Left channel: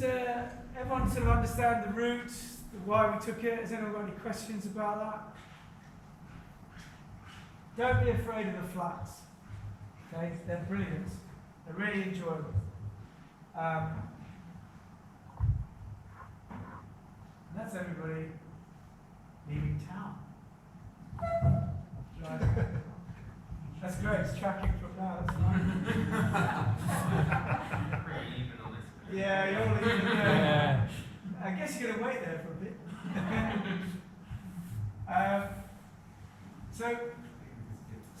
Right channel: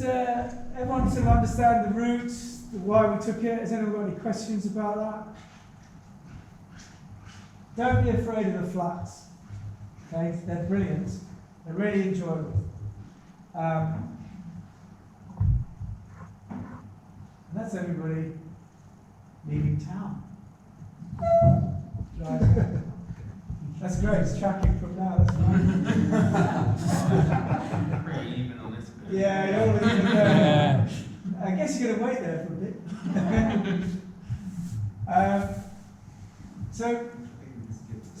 does everyone sort of understand the route, why we took it? Has anyone got any questions about that? Don't be afraid of the flats. Okay, they're brilliant. They're really enjoyable. And that's everybody leaving town. Driving. That's great. It's tracking from now. That's fine. Pretty even on this bit. Yeah, you're all even there. I guess you're going to wait there for a bit.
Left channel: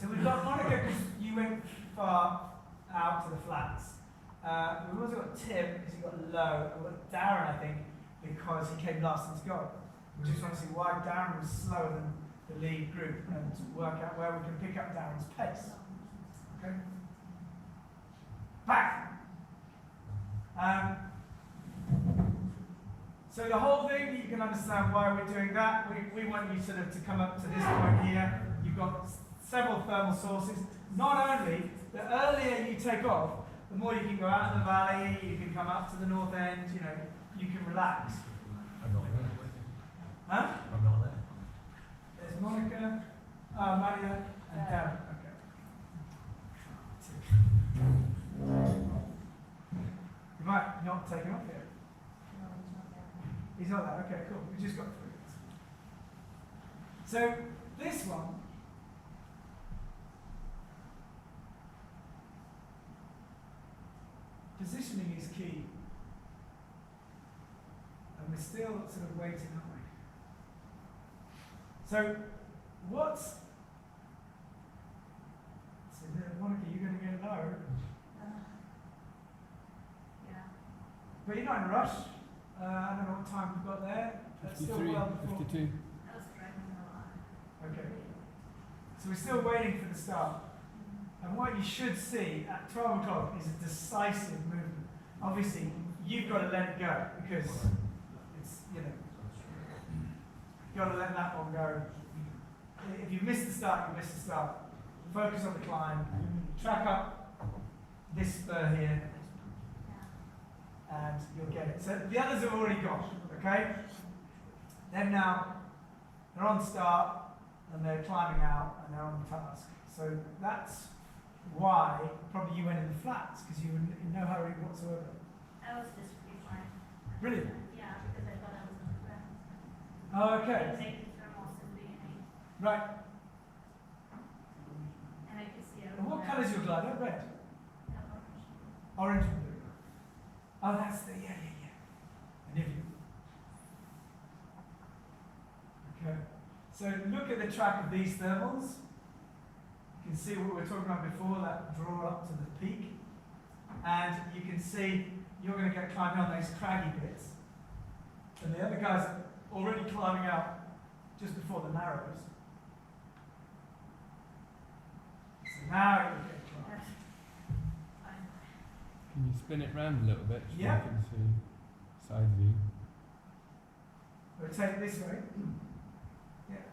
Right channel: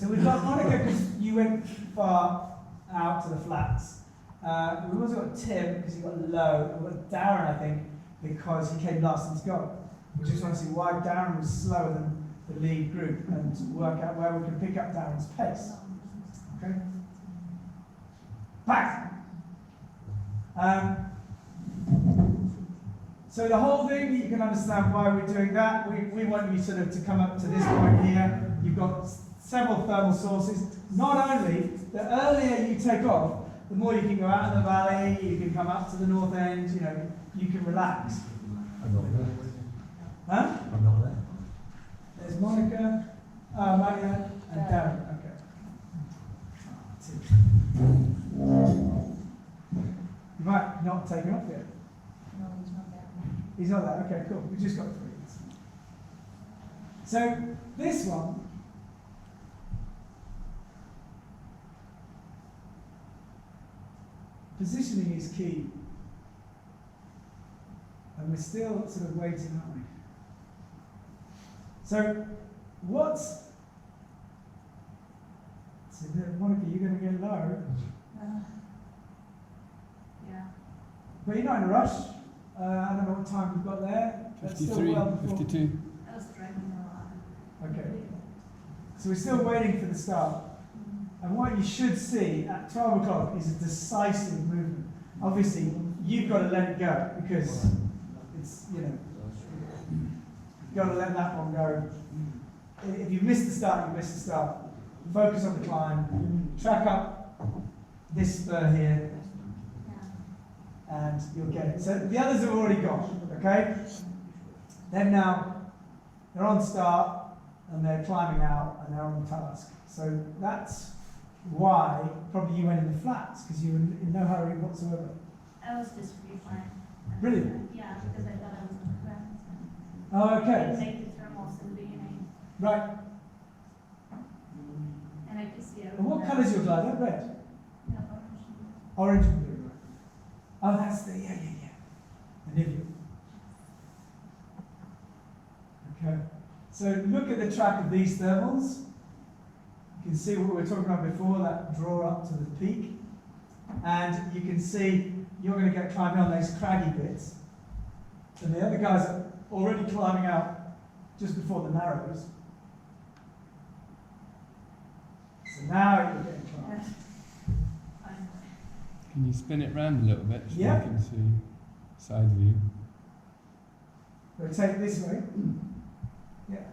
So we've got Monica because you went far out to the flats. We've also got Tim because he got low. We've got Darren, I think, because he came last into goal. We just want to see why Darren was slower than the lead group and work out where we can pick up Darren's pace. Okay? Back! So the whole thing, you can understand why we're doing that. We want you sort of to come up to this point here. You've got several thermal sources. Not only, the earlier you take off, the more you can go out in the valley, you can come up to the north end, you know, you can relax. I'm not there. Huh? I'm not there. There's Monica, Mariann, and Darren. Okay. You might not have taken off yet. No, he's not there. He's not there. Okay, cool. We just got through it. So this one, positioning is key. And we're still sort of waiting, aren't we? So Monica, you're going to go low. Yeah. But you're not in a rush. I don't know what time we've got there. That's still 53, well before. 52. I was driving a lot. Okay. So we're still waiting for the start. And what you should see at 12 o'clock is a decisive movement. Obviously, you've got to let it go because it's, you know, you've got to let that one go. If you miss the start, you miss the start. Focus on the climb. Track up this spur here, and you'll get it. So the others have already gone, okay? Then now, they're on start, and they're climbing out, and they're on task. So that's why probably you went in the flats, because you were in no hurry whatsoever. I was just pretty fine. Brilliant. Yeah, because I thought I was on the ground. Oh, I okay. didn't make the thermals in the beginning. Right. And I could see And what colour is your glider? Red? No, orange. Orange and blue. Oh, that's the, yeah. The Nivea. Okay. So look at the track of these thermals. You can see what we were talking about before, that draw up to the peak. And you can see you're going to get climbing on those craggy bits. And the other guys are already climbing out just before the narrows. So now you're getting climbed. Fine. Can you spin it round a little bit so Yeah. we can see side view? Rotate this way. Yeah.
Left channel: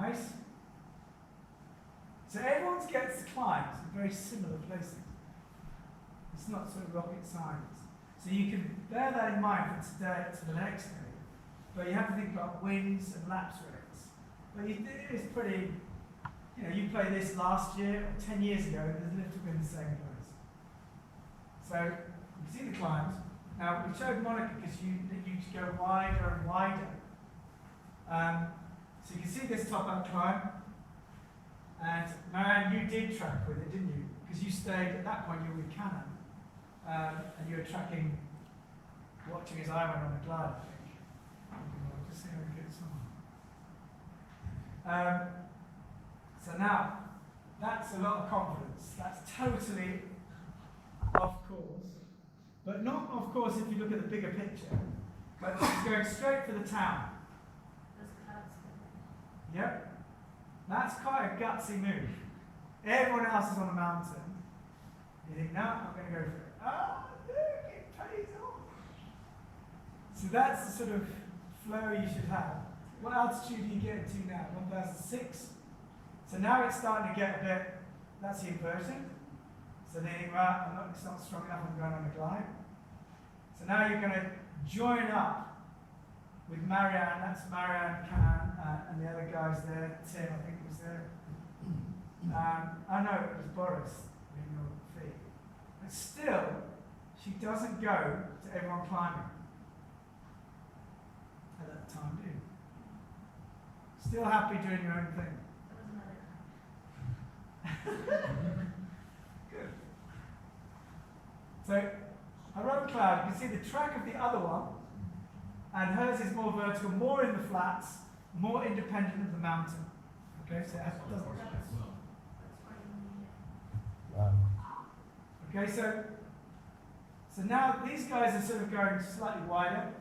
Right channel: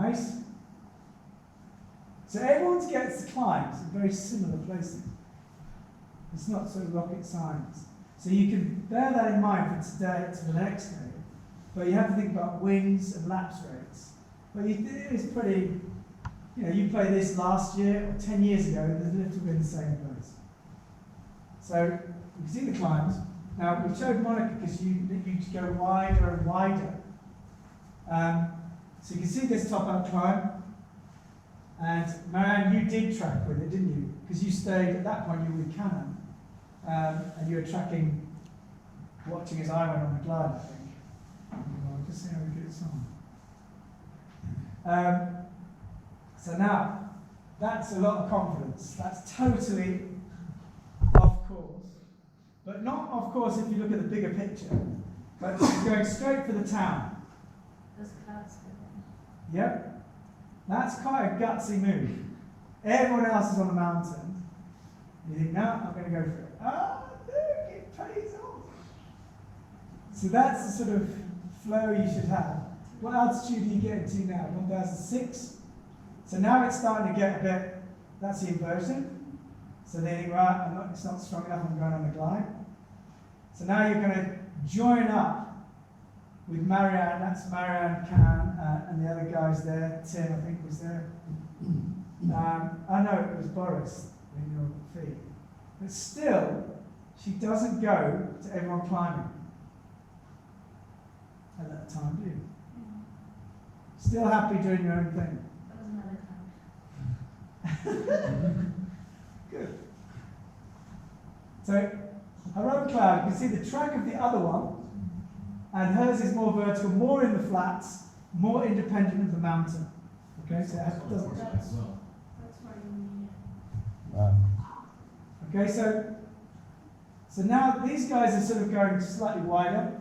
Nice. So everyone gets climbs in very similar places. It's not sort of rocket science. So you can bear that in mind for today to the next day. But you have to think about wins and lapse rates. But it's pretty, you know, you played this last year or 10 years ago, there's literally in the same place. So you can see the climbs. Now we showed Monica because you go wider and wider. So you can see this top out climb. And Mariann, you did track with it, didn't you? Because you stayed, at that point you were with Canon. And you were tracking, watching as I went on the glide, I think. I'll just see how we get this on. So now, that's a lot of confidence. That's totally off course. But not off course if you look at the bigger picture. But it's going straight for the town. Those clouds. Yep. That's quite a gutsy move. Everyone else is on a mountain. You think, no, I'm going to go for it. Ah, look, it pays off. So that's the sort of flow you should have. What altitude are you getting to now? 1,006? So now it's starting to get a bit, that's the inversion. So they think, right, it's not strong enough, I'm going on a glide. So now you're going to join up with Mariann, that's Mariann, Can, and the other guys there. Tim, I think, was there. I know it was Boris in your feet. But still, she doesn't go to everyone climbing at that time, do you? Still happy doing your own thing. That was another cloud. Good. So, her own cloud, you can see the track of the other one, and hers is more vertical, more in the flats, more independent of the mountain. Okay, so it doesn't. That's why you need it. Wow. Okay, so now these guys are sort of going slightly wider,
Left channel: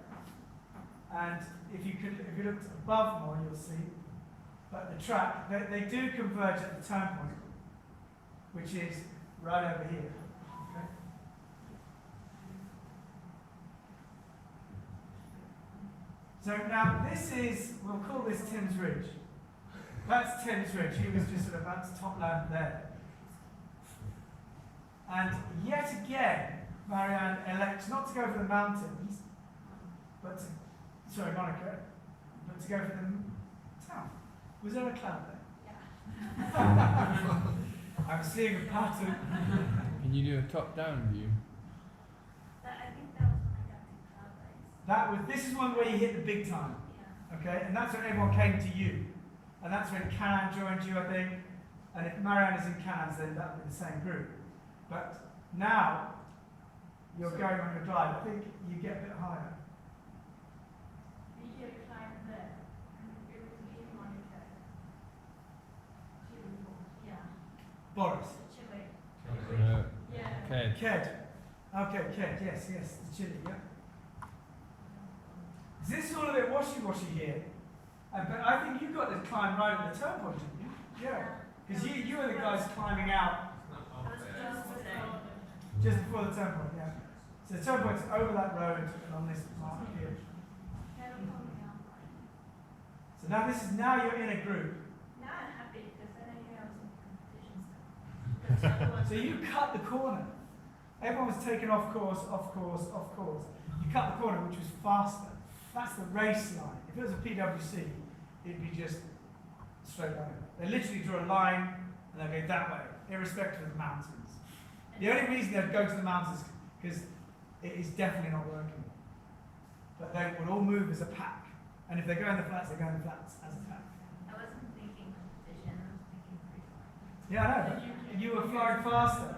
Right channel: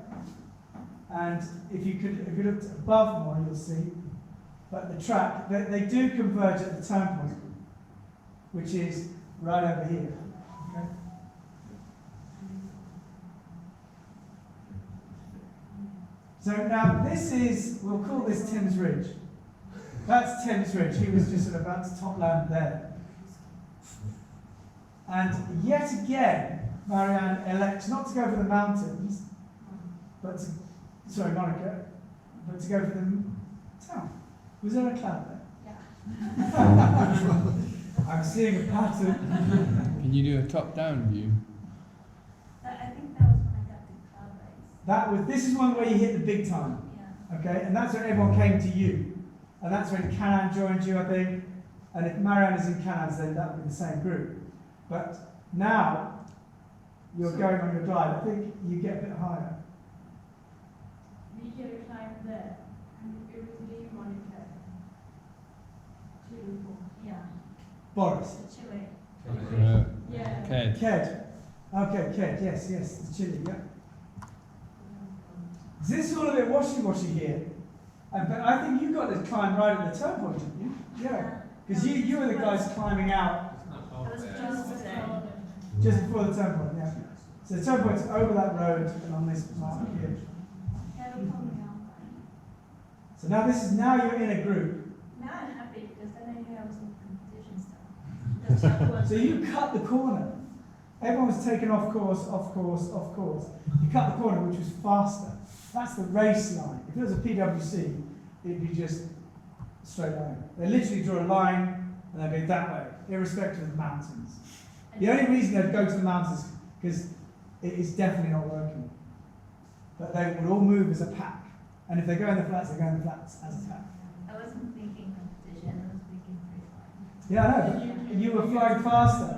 and if you looked above more, you'll see. But the track, they do converge at the turn point, which is right over here. Okay. So now this is, we'll call this Tim's Ridge. That's Tim's Ridge. He was just sort of about to top land there. And yet again, Mariann elects not to go for the mountains, but to, sorry, Monica, but to go for the town. Was there a cloud there? Yeah. I'm seeing a pattern. Can you do a top-down view? I think that was when I got the cloud base. This is one where you hit the big time. Yeah. Okay, and that's when everyone came to you. And that's when Canaan joined you, I think. And if Mariann is in Canaan's, then that would be the same group. But now, you're going on your glide. I think you get a bit higher. We get a climb there, and it was me, Monica, Chile. Yeah. Boris. The Chile. Yeah. Okay. Ked. Okay, Ked. Yes, the chili, yeah. This is all a bit washy-washy here. But I think you got to climb right at the turn point, didn't you? Yeah. Because you were the guys climbing out It was just there. just before the turn point, yeah. So the turn point's over that road and on this part here. They were coming out fine. So now you're in a group. Now I'm happy because then I knew I was in competition still. Because I was So you cut the corner. Everyone was taken off course, off course, off course. You cut the corner, which was faster. That's the race line. If it was a PwC, it'd be just straight line. They literally draw a line and they'll go that way, irrespective of the mountains. The only reason they'd go to the mountains is because it is definitely not working. But they would all move as a pack. And if they go in the flats, they go in the flats as a pack. I wasn't thinking competition, I was thinking free flying. Yeah, I know, but you were flying faster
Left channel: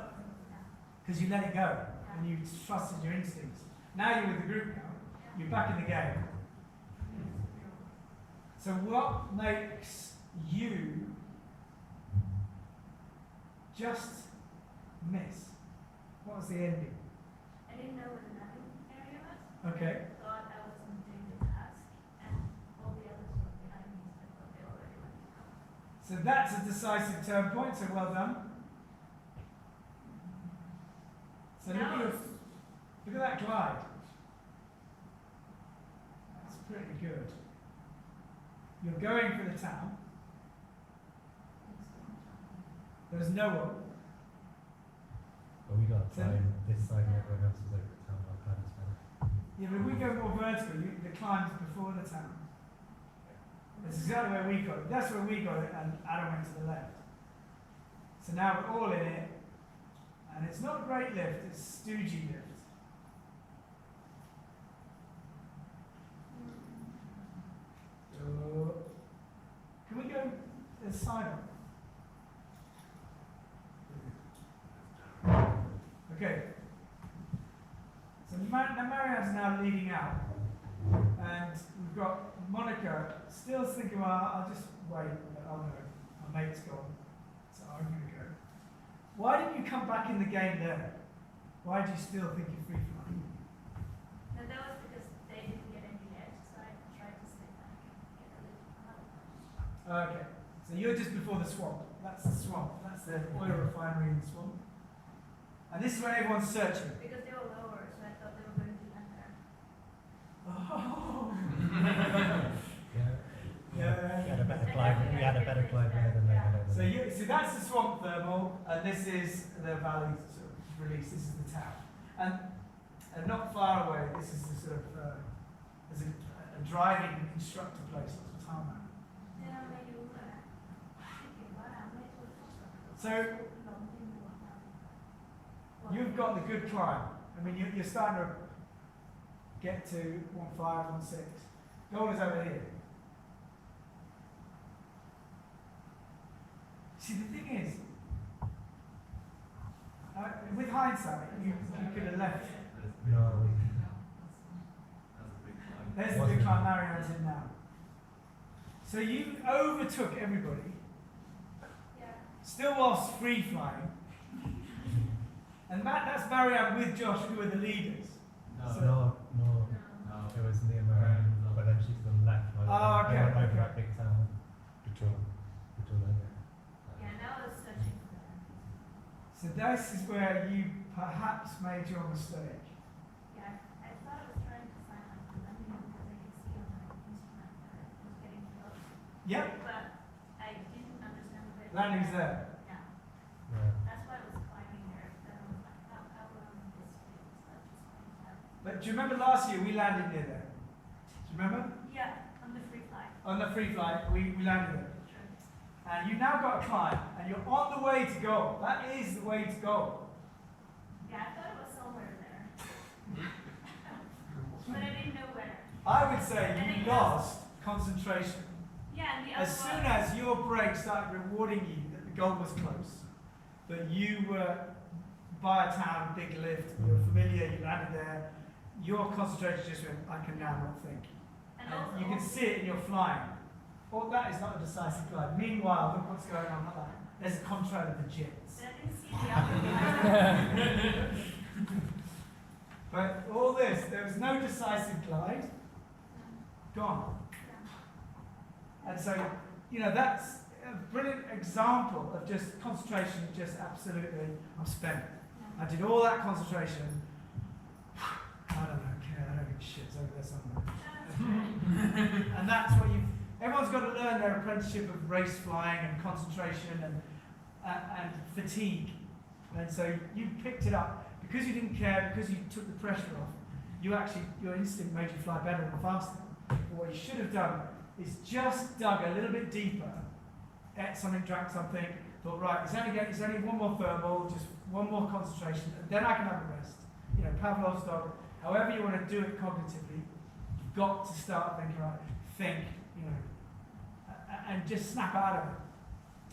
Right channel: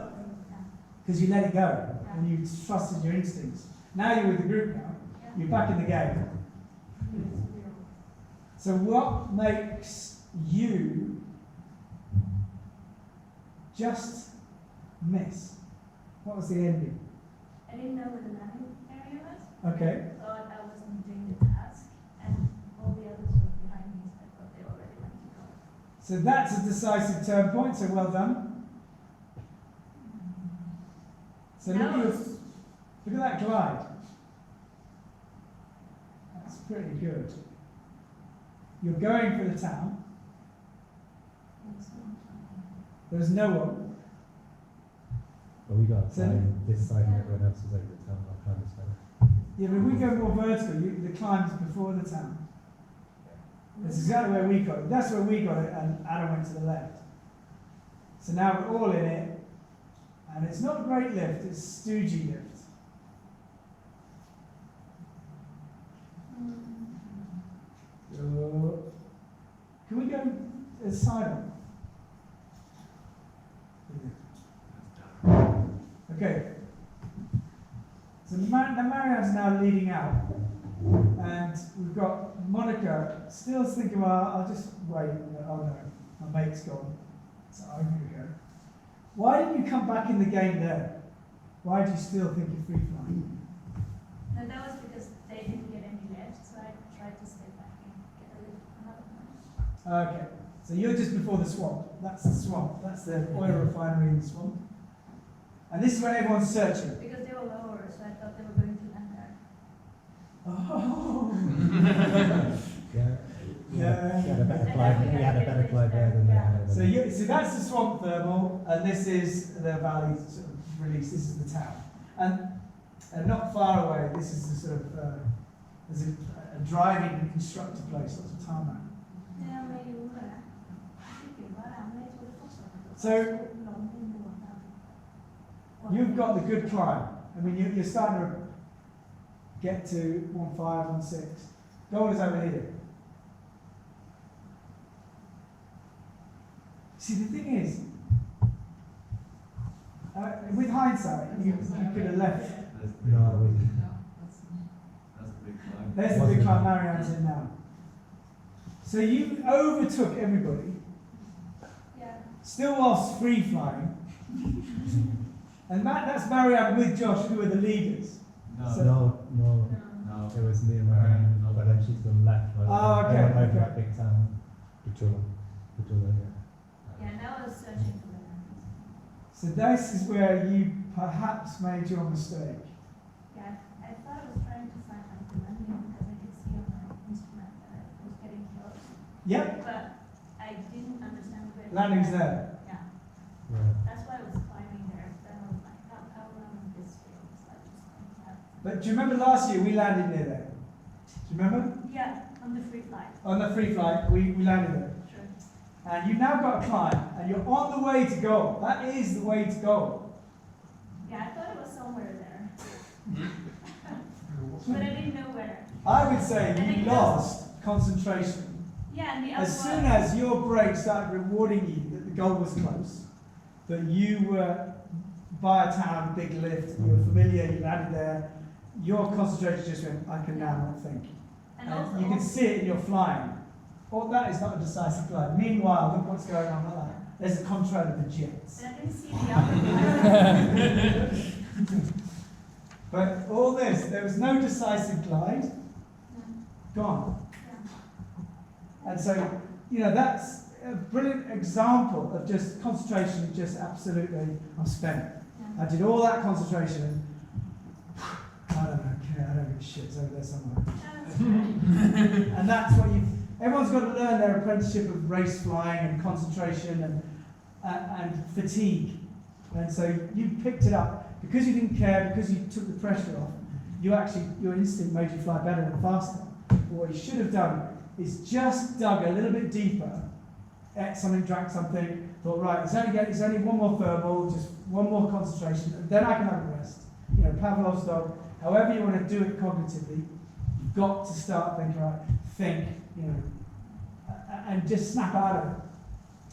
because you let it go and you trusted your instincts. Now you're with the group now. You're back in the game. So what makes you just miss? What was the ending? I didn't know where the landing area was. Okay. Thought I wasn't doing the task, and all the others were behind me, so I thought they already went to go. So that's a decisive turn point, so well done. So Now look it's- at that glide. That's pretty good. You're going for the town. it's not flying. There was no one. But we got to So- climb this side and everyone else is over the town. I'll climb this side. Yeah, but we go more vertical. The climb's before the town. That's exactly where we got it. That's where we got it, and Adam went to the left. So now we're all in it, and it's not a great lift, it's a stoogey lift. So, can we go side on? Okay. So Mariann's now leading out, and we've got Monica still thinking, well, I'll just wait. Oh no, my mate's gone, so I'm going to go. Why didn't you come back in the game there? Why do you still think you're free flying? No, that was because they didn't get any lift, so I tried to stay back and get a lift another one. Okay, so you're just before the swamp. That's the swamp. That's the oil refinery in the swamp. And this is where everyone's searching. Because they were lower, so I thought they were going to land there. Oh. Yeah. Yeah. She had a better climb. we had a better climb there than they had over So there. so that's the swamp thermal, and this is the valley sort of release. This is the town, and not far away. This is the sort of there's a driving instructor place, lots of tarmac. So you've got the good climb. I mean, you're starting to get to 1.5, 1.6. Goal is over here. See, the thing is, with hindsight, you could have left. No, There's the big climb Mariann's in now. So you overtook everybody, still whilst free flying. And that's Mariann with Josh, who were the leaders. So- no. It was near Mariann, but then she's gone left. Oh, okay, I went over okay. that big town. Petula. Yeah, and I was searching for the landing. So this is where you perhaps made your mistake. Yeah, I thought I was trying to find like the landing because I could see on my instrument that I was getting close. Yep, But I didn't understand where. landing's there. Yeah, Yeah. that's why I was climbing there. Then I was like, how long is this field? So I just went out. But do you remember last year we landed near there? Do you remember? Yeah, on the free flight. On the free flight, we landed there. Sure. And you've now got to climb, and you're on the way to goal. That is the way to goal. Yeah, I thought it was somewhere there. But I didn't know where. I would say And you it lost concentration. Yeah, and the other As soon one. as your brain started rewarding you that the goal was close, that you were by a town, big lift, you were familiar, you landed there, your concentration just went, I can now not think. And also, you can see it in your flying. Oh, that is not a decisive glide. Meanwhile, look what's going on like that. There's a contrail of the jets. and I didn't see the other one. But all this, there was no decisive glide, gone. Yeah. And so, that's a brilliant example of just concentration, just absolutely, I'm spent. Yeah. I did all that concentration. I don't know, I don't give a shit, it's over there somewhere. That's right. And that's what everyone's got to learn their apprenticeship of race flying and concentration and fatigue. And so you picked it up because you didn't care, because you took the pressure off. Your instinct made you fly better and faster. But what you should have done is just dug a little bit deeper, ate something, drank something, thought, right, it's only one more thermal, just one more concentration, and then I can have a rest. Pavlov's dog, however you want to do it cognitively, you've got to start thinking, right, and just snap out of it.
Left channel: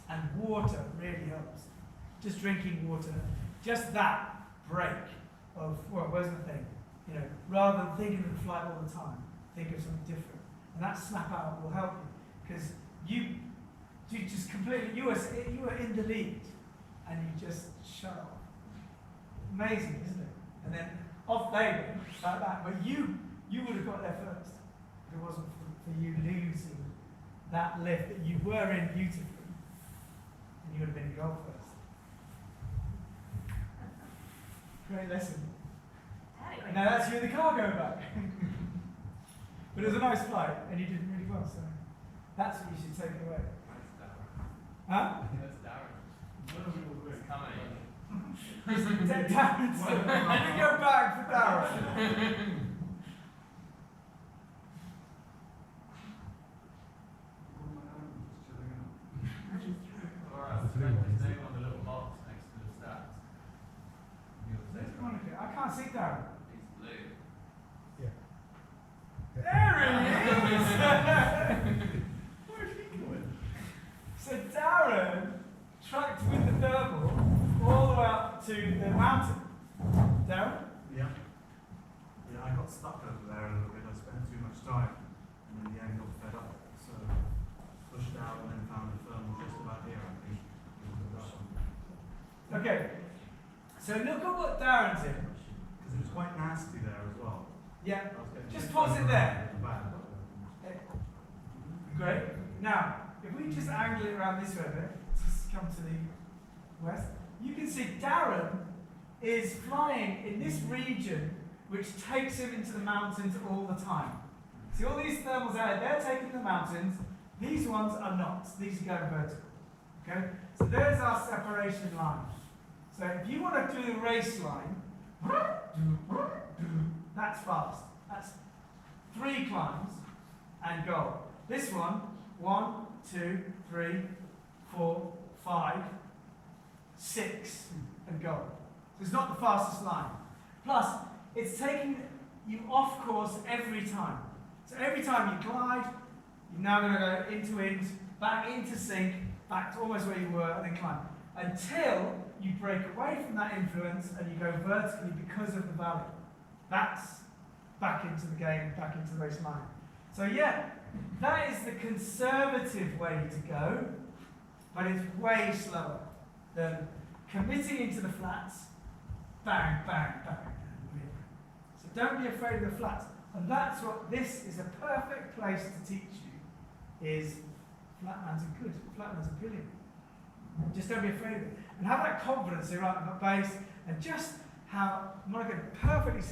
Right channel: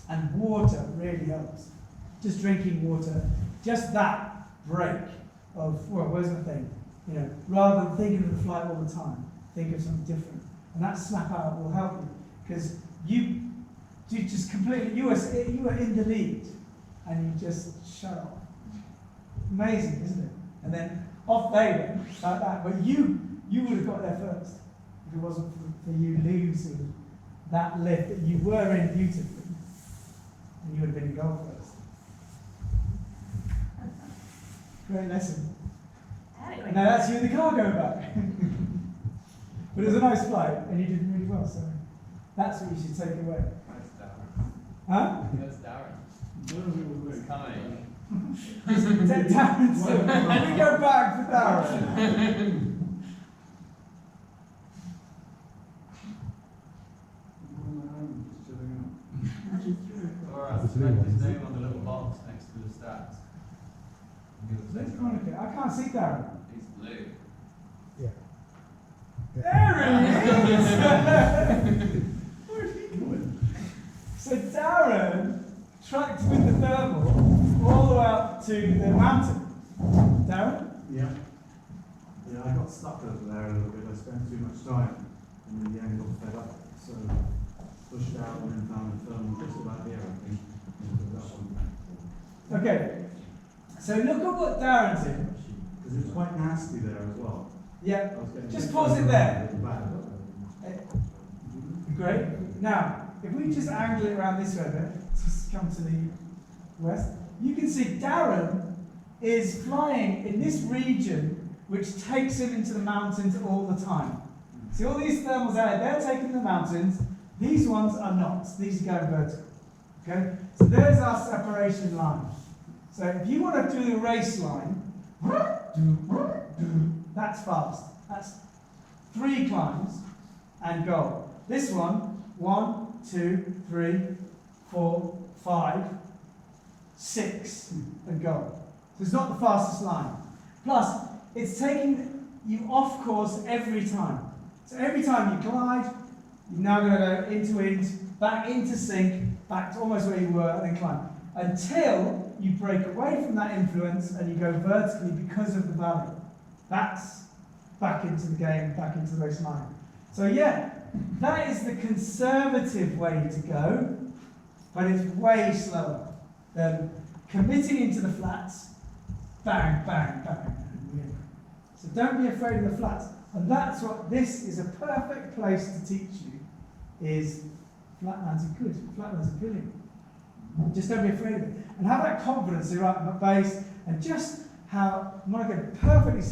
And water really helps. Just drinking water, just that break of, well, where's the thing? Rather than thinking of the flight all the time, think of something different. And that snap out will help you. Because you just completely, you were in the lead, and you just shut off. Amazing, isn't it? And then off they went, like that. But you would have got there first, if it wasn't for you losing that lift that you were in beautifully, and you would have been in goal first. Great lesson. I had a great Now that's you in the cargo back. But it was a nice flight, and you did really well, so that's what you should take away. That's Darren. Huh? That's Darren. It's coming. Darren, so we go back for Darren. Or That's the blue one, his isn't name on the little box next to the stats. There's Monica. I can't see Darren. He's blue. There he is! Where's he going? So Darren tracked with the thermal all the way up to the mountain. Darren? Yeah. Yeah, I got stuck over there a little bit. I spent too much time and in the end got fed up. So pushed out and then found the thermal just about here, I think. Into that one. Okay. So look at what Darren's in. Because it was quite nasty there as well. Yeah. I was getting Just a bit pause it further there. around at the back. Great. Now, if we just angle it around this way a bit, just come to the west, you can see Darren is flying in this region which takes him into the mountains all the time. See all these thermals out there, they're taking the mountains, These ones are not. These are going vertical. Okay? So there's our separation line. So if you want to do the race line, that's fast. That's 3 climbs and go. This one, 1, 2, 3, 4, 5, 6, and go. So it's not the fastest line. Plus, it's taking you off course every time. So every time you glide, you're now going to go into wind, back into sync, back to almost where you were, and then climb. Until you break away from that influence and you go vertically because of the valley. That's back into the game, back into the race line. So yeah, that is the conservative way to go, but it's way slower than committing into the flats, bang, bang, bang, and win. So don't be afraid of the flats. And that's what this is a perfect place to teach you, is flatlands are good, flatlands are brilliant. Just don't be afraid of it. And have that confidence, right, at base, and just how Monica perfectly said,